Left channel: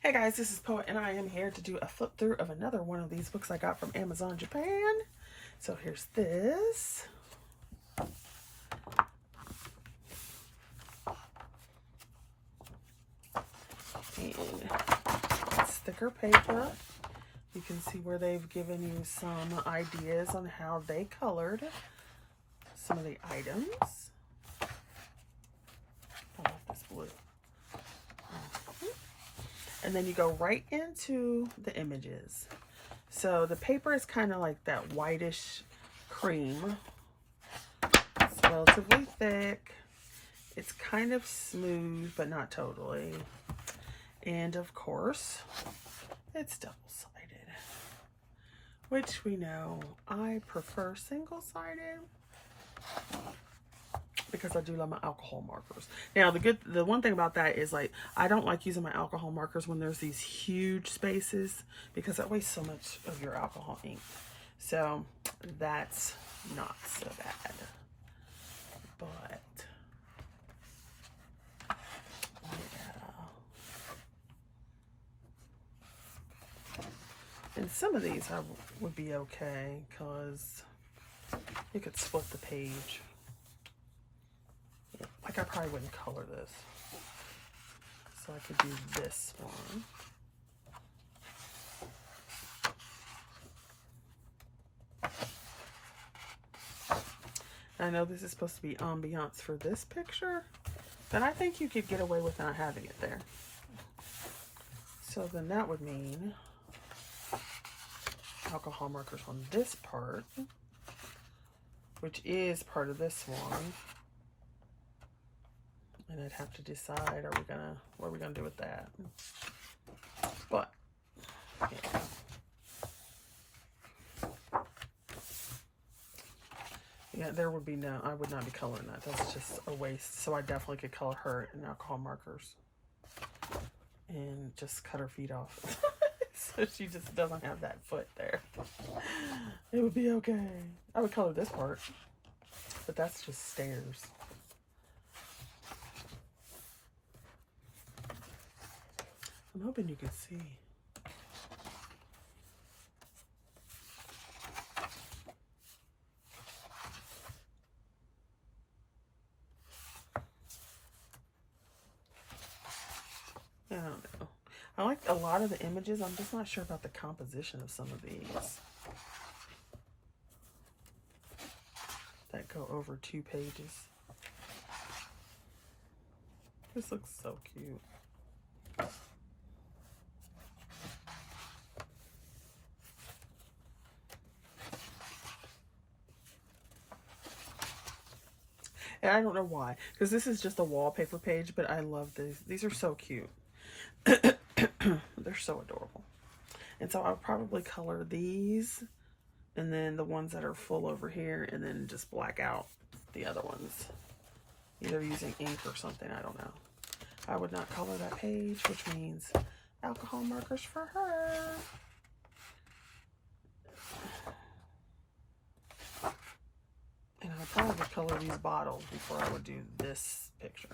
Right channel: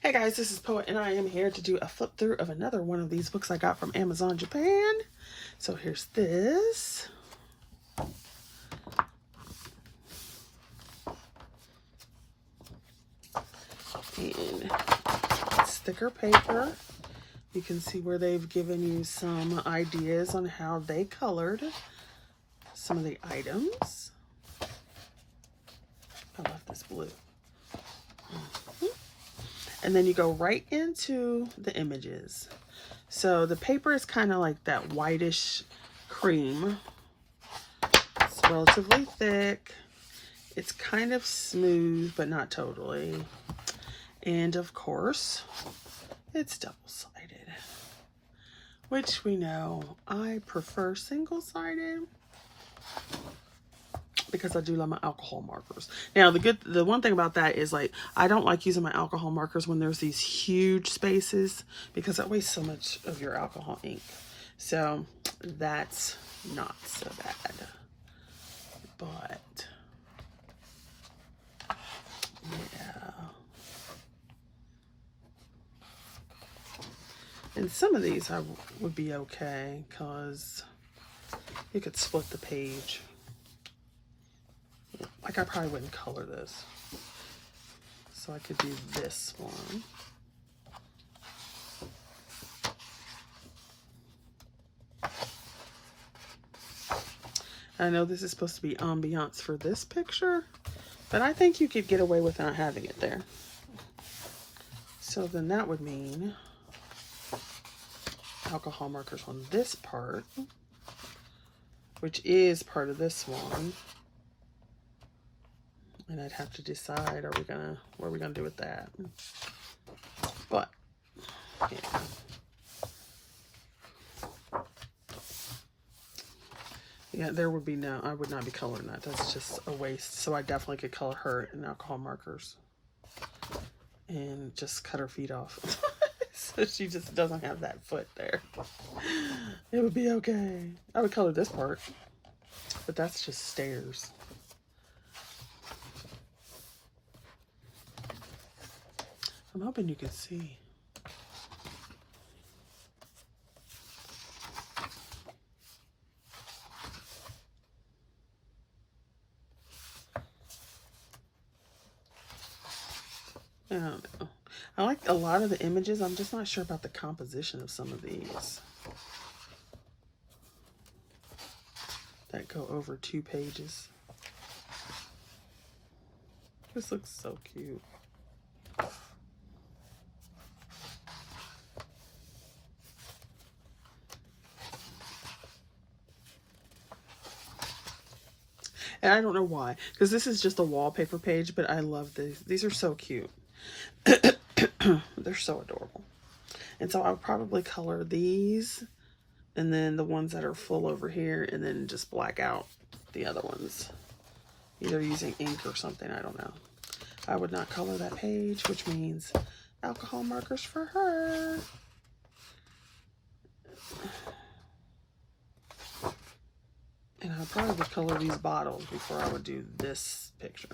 Hey guys, this is Poet, and I am here to do a flip through of another one of these books I got from Amazon Japan. So here's this. And sticker paper. You can see where they've given you some ideas on how they colored some of the items. I love this blue. And then you go right into the images. So the paper is kind of like that whitish cream. It's relatively thick. It's kind of smooth, but not totally. And of course, it's double-sided, which we know I prefer single-sided because I do love my alcohol markers. Now, the one thing about that is, like, I don't like using my alcohol markers when there's these huge spaces because it wastes so much of your alcohol ink. So that's not so bad. But yeah. And some of these would be okay because you could split the page. Like, I probably wouldn't color this. So I could do this one. I know this is supposed to be ambiance for this picture, but I think you could get away without having it there. So then that would mean alcohol markers on this part, which is part of this one. And I'd have to decide, what are we gonna do with that? But yeah. Yeah, there would be no, I would not be coloring that. That's just a waste. So I definitely could color her in alcohol markers and just cut her feet off. So she just doesn't have that foot there. It would be okay. I would color this part, but that's just stairs. I'm hoping you can see. I don't know. I like a lot of the images. I'm just not sure about the composition of some of these that go over 2 pages. This looks so cute. And I don't know why, because this is just a wallpaper page, but I love these. These are so cute. They're so adorable. And so I'll probably color these, and then the ones that are full over here, and then just black out the other ones. Either using ink or something, I don't know. I would not color that page, which means alcohol markers for her. And I probably would color these bottles before I would do this picture.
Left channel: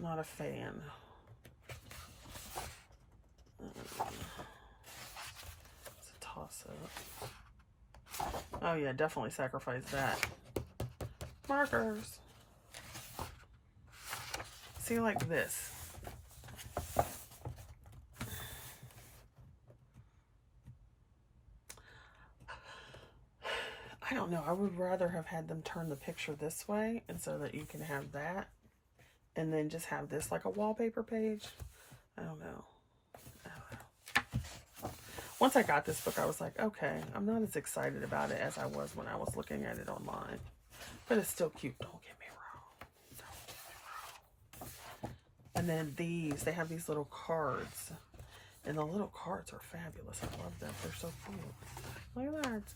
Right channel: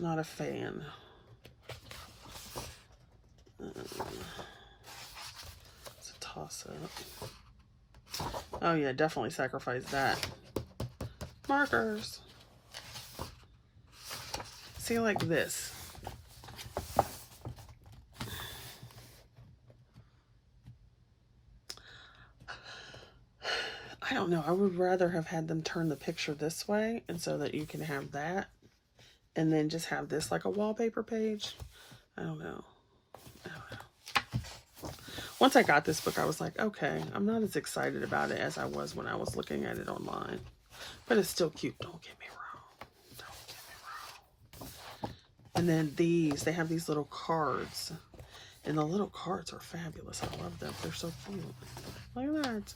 Not a fan. It's a toss-up. Oh yeah, definitely sacrifice that. Markers. See, like this. I don't know. I would rather have had them turn the picture this way, and so that you can have that, and then just have this like a wallpaper page. I don't know. Once I got this book, I was like, okay, I'm not as excited about it as I was when I was looking at it online. But it's still cute. Don't get me wrong. Don't get me wrong. And then these, they have these little cards. And the little cards are fabulous. I love them. They're so cute. Look at that.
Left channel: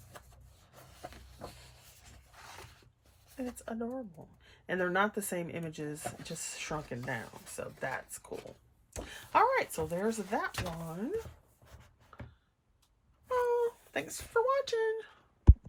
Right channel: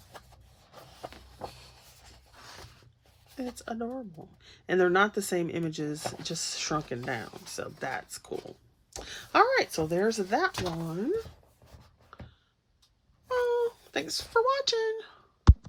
It's adorable. And they're not the same images, just shrunken down. So that's cool. All right, so there's that one. Oh, thanks for watching.